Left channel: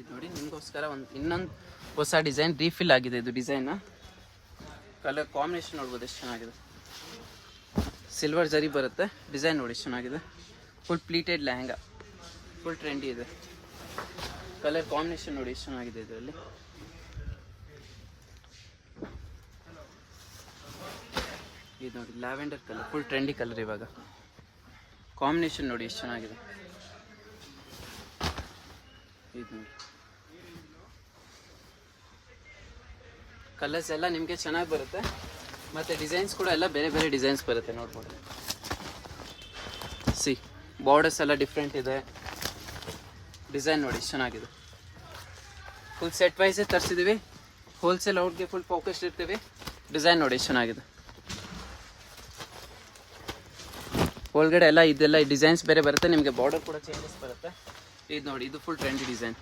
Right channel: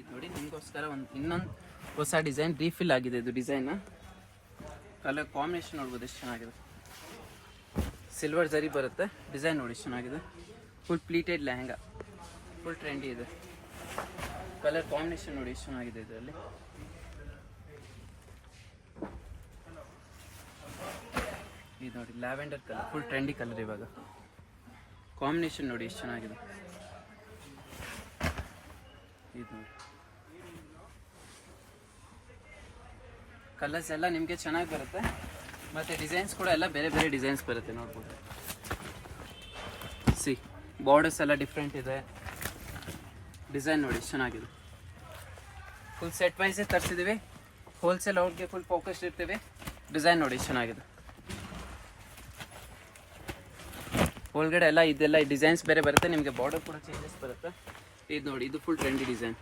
ಇದು ನೋಡಿ ನಿಮಗೋಸ್ಕರ ಇನ್ನೊಂದು ಹೊಸ ಡಿಸೈನ್ ರೀಫಿಲ್ ಆಗಿದೆ. ಇದು ಡಿಸೈನ್ ಕಲರ್ ಕಾಂಬಿನೇಷನ್ ನೋಡ್ಬೋದು ಎಷ್ಟು ಚೆನ್ನಾಗಿದೆ. ಸಿಲ್ವರ್ ಜರಿ ಬರುತ್ತೆ. ಡಿಸೈನ್ ನೋಡಿ ಎಷ್ಟು ಚೆನ್ನಾಗಿದೆ. Full pleated lehenga, full trendy ಇದೆ. ಕಲರ್ ಕಾಂಬಿನೇಷನ್ ನೋಡಿ ಎಷ್ಟು ಚೆನ್ನಾಗಿದೆ. ಇದರಲ್ಲಿ ಇದು ನೋಡಿ lavender colour, full trendy colour. ಇವಾಗ ಕಾಂಬಿನೇಷನ್ ನೋಡಿ ಎಷ್ಟು ಚೆನ್ನಾಗಿದೆ. ಇದು ನೋಡಿ ಕಲರ್ಸ್ ಎಲ್ಲ ನಿಮಗೆ ಚೆನ್ನಾಗಿ ಬರುತ್ತೆ. ಮತ್ತು ಡಿಸೈನ್ಸ್ ಕೂಡ ಎಲ್ಲ ಬೇರೆ ಬೇರೆ ಡಿಸೈನ್ಸ್ ಬರುತ್ತೆ. ನೋಡ್ಬೋದು ಸಿ ಬಾರ್ಡರ್ಸ್ ಎಲ್ಲ ಡಿಫ್ರೆಂಟ್ ಇದೆ. ಡಿಸೈನ್ ನೋಡಿ ಚೆನ್ನಾಗಿದೆ. ಫುಲ್ ಸೆಟ್ ವೈಸೇ ತರಿಸಿದ್ದೀವಿ. ಹೋಲ್ಸೇಲ್ ಔಟ್ಗೆ ಫುಲ್ ಫೋಕಸ್ ಇರ್ತೀವಿ. ಡಿಸೈನ್ ನೋಡಿ ಚೆನ್ನಾಗಿದೆ. ಒಳಗಡೆ ಎಲ್ಲ ಇದೆಲ್ಲ ಡಿಸೈನ್ಸ್ ಬೇರೆ ಬರುತ್ತೆ. ನಿಮಗೆ ಬಾರ್ಡರ್ ಕೂಡ ಚೇಂಜಸ್ ಬರುತ್ತೆ. ಇದು ನೋಡಿ, ಇದು ಫುಲ್ ಟ್ರೆಂಡಿ ಡಿಸೈನ್.